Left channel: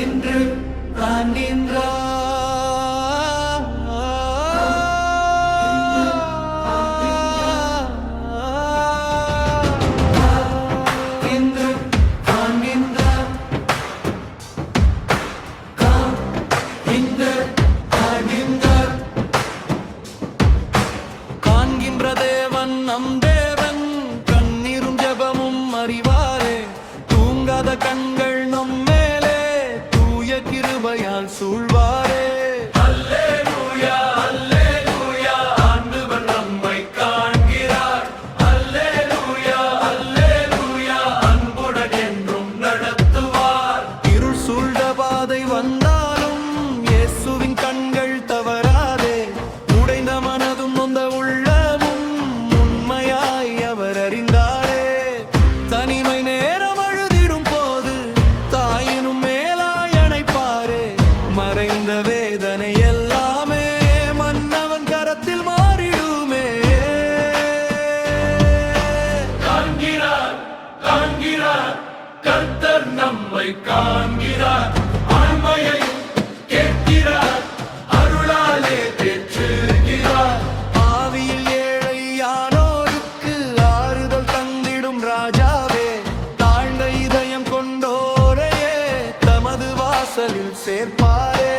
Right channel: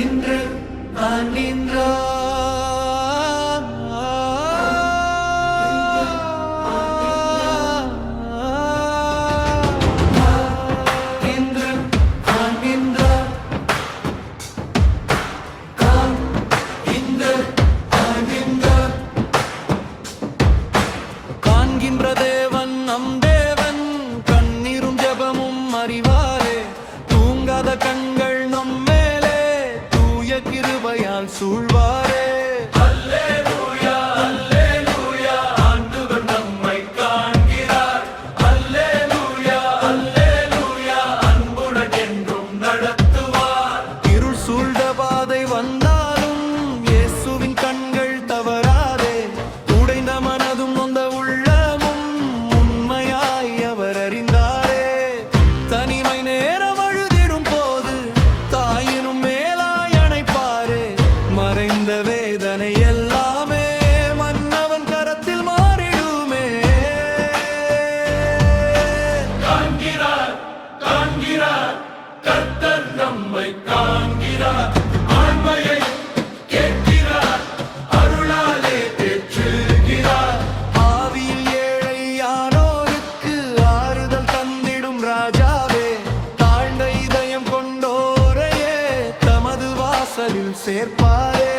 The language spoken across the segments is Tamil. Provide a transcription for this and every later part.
இன்று ஆண்டின்றா இன்று ஆண்டின்றா காம் இன்று ஆண்டின்றா காண்கின்ற தேவன் நம் தேவன் கண்ணீரும் ஜெபமும் அறிவாரே தூங்காத கண்கள் நம் கிருபையால் சூழ்வாரே. அல்லேலூயா அல்லேலூயா ஆண்டவர் நம்மை காண்கிறார். அல்லேலூயா அல்லேலூயா அன்புடன் என்றும் நடத்துவார். இருள் சூழ்ந்த பாதை வந்தாலும் இயேசுவின் கண்கள் தவறாதே. உடைந்த மனதும் நொந்த உள்ளமும் உண்மையாய் அவர் அறிந்தாரே. தனிமை நேரம் அழுதிடும் போது தாயினும் மறைந்த வேதனை எல்லாமே மன்னவன் கரத்தில் மாறிடுமே. காண்கிறார் காண்கிறார் கர்த்தர் நம்மை காண்கிறார். ஆண்மையையும் கேட்கிறார் அருளாலே தேற்றுகிறார். ஆவியில் ஏழையானோருக்கு ஆறுதல் தந்திடும் ராஜாவே தாழ்ந்த இதயம் கொண்டோரையே தமது வாசலில் சேர்ப்பாரே.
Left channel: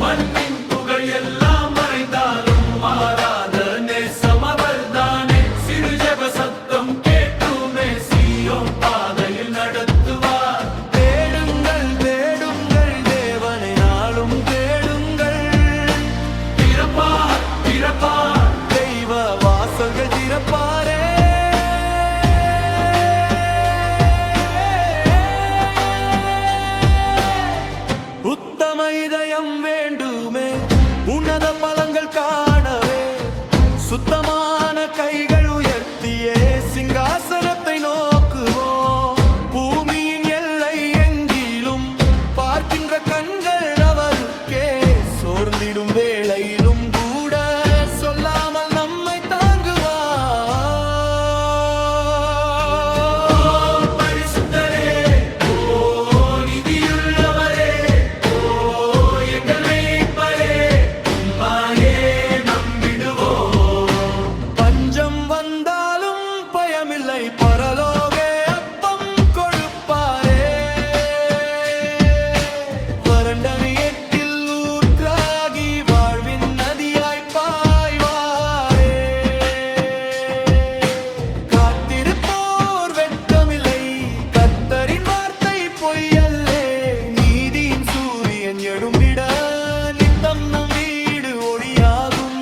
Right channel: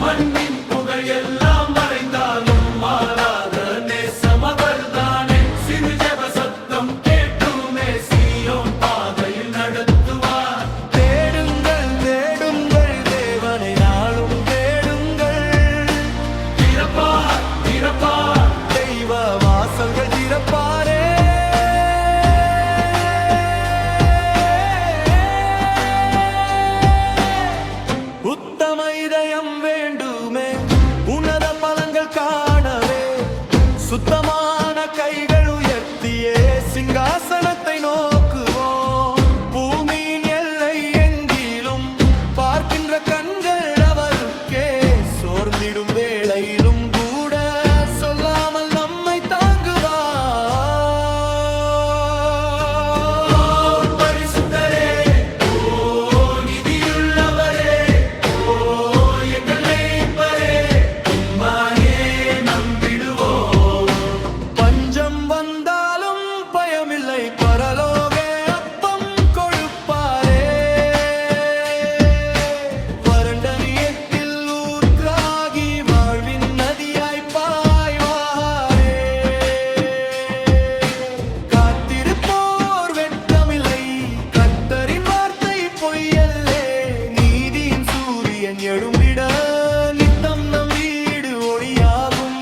மண்ணின் புகழ் எல்லாம் மறைந்தாலும் மாறாத நேசம் அவர்தானே. சிறு ஜெப சத்தம் கேட்டுமே சீயோன் பாதையில் நடத்துவார். தேடுங்கள் தேடுங்கள் தேவனை நாளும் தேடுங்கள். திறப்பார் திறப்பார் தெய்வ வாசல்கள் திறப்பாரே. உத்தம இதயம் வேண்டுமே உன்னத பலன்கள் காணவே. சுத்தமான கைகள் உயர்த்தியே சிங்காசனத்தை நோக்குவோம். பூமியின் எல்லை எங்கிலும் பார்க்கின்ற கண்கள் அவருக்கே. சோர்ந்திடும் வேளையிலும் கூட சொல்லாமல் நம்மை தாங்குவார். வந்தாலும் பயமில்லை பரலோகே அப்பம் கொடுப்பாரே. வறண்ட நீட்டில் ஊற்றாகி வாழ்வின் நதியாய் பாய்வாரே. காத்திருப்போர் வெட்கமில்லை கர்த்தரின் வார்த்தை பொய்யல்லே. நீதியின் சூரியன் எழும்பிட நித்தம் நம் வீடு ஒளியாகும்.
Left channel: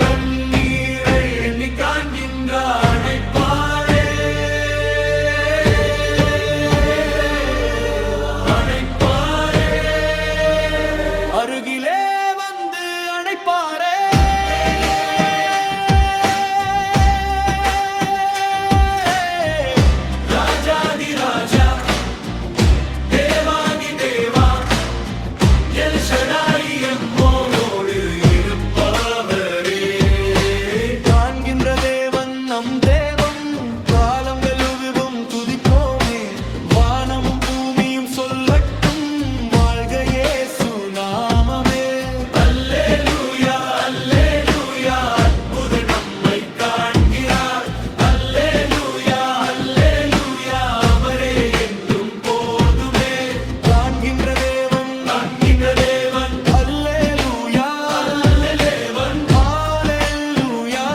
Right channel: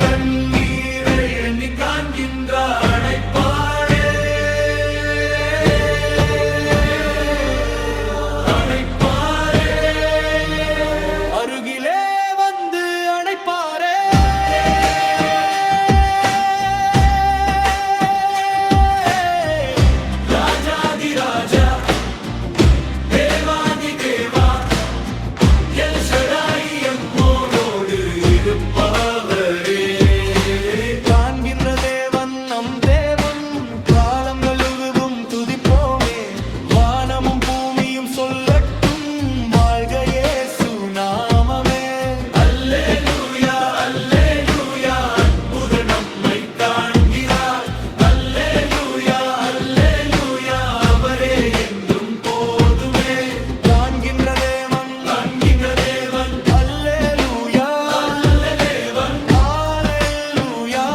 கண்ணீரை எண்ணி காண்கின்ற அடைப்பாரே அடைப்பாரே. அருகிலே வந்து அடைப்பாரே. ராஜாதி ராஜா தேவாதி தேவா எல் ஷடாய் எம்மோடு இருப்பவரே. காண்கின்ற தேவன் நம் தேவம் காலங்கள் உருவும் துதிப்போமே. வானமும் பூமியும் சொல்லட்டும் வாழ்க இயேசு நாமமே. அல்லேலூயா அல்லேலூயா அற்புதம் நம்மை காண்கிறார். அல்லேலூயா அல்லேலூயா அவரே என்றும் போதுமே. காண்கின்ற தேவன் காண்கின்ற தேவன் அல்லேலூயா அல்லேலூவன் ஹalleluya.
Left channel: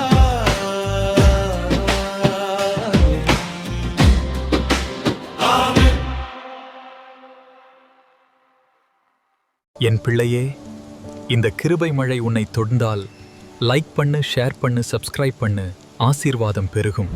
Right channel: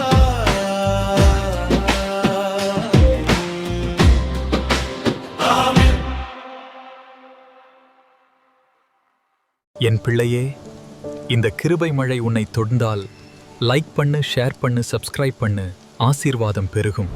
ஆமென். என் பிள்ளையே, இந்த கிருபை மழை உன்னை தொடர்ந்தால் லைக் பண்ணு, ஷேர் பண்ணு, சப்ஸ்கிரைப் பண்ணு. ஆசீர்வாதம் பெருகும்.